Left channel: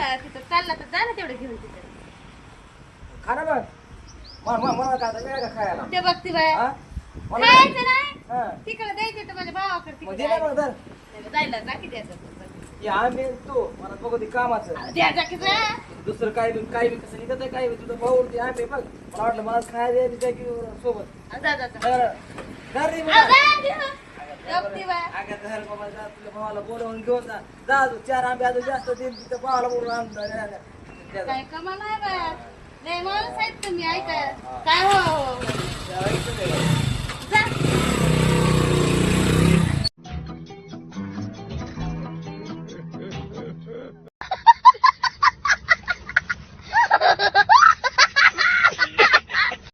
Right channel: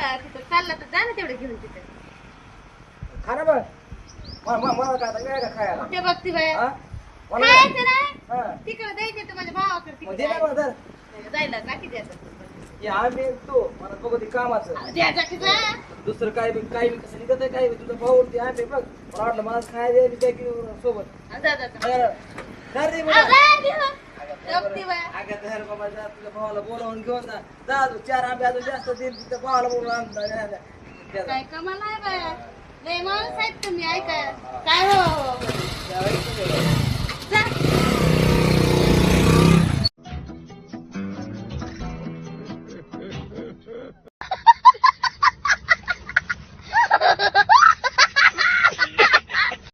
तिथं चालला तर जा ना तेवढे घेऊन तिथं. खा ना मग. मला काय आता काय खायला ते बघती बाय हा? मला खायचं नाही हा. तिकडे द्यायचे तर माझ्या भावाकडे मग तिकडे दे ना मग धर. जायला जा की द्यायचं या आम्ही तू मला कधी कामाचं द्यायचा की जा. दुसरं काय बी कसं इथं काय बी तुझं भाऊ ते आम्ही बघ मला वाटलं मला खायला द्यायला काय की सोबत जा जा जा. धर दे आ, मला. जा देवा. बघती बाय अगं धर बाबा जा तुझ्या भावाला बोलावून घेऊन जा जा तू 4 आंबे अजून जास्त देईल तुझ्या भावाला बोलून आणता काय कमा नाही बाय लय माणूस आहेत तुम्ही ऐका काय हो जा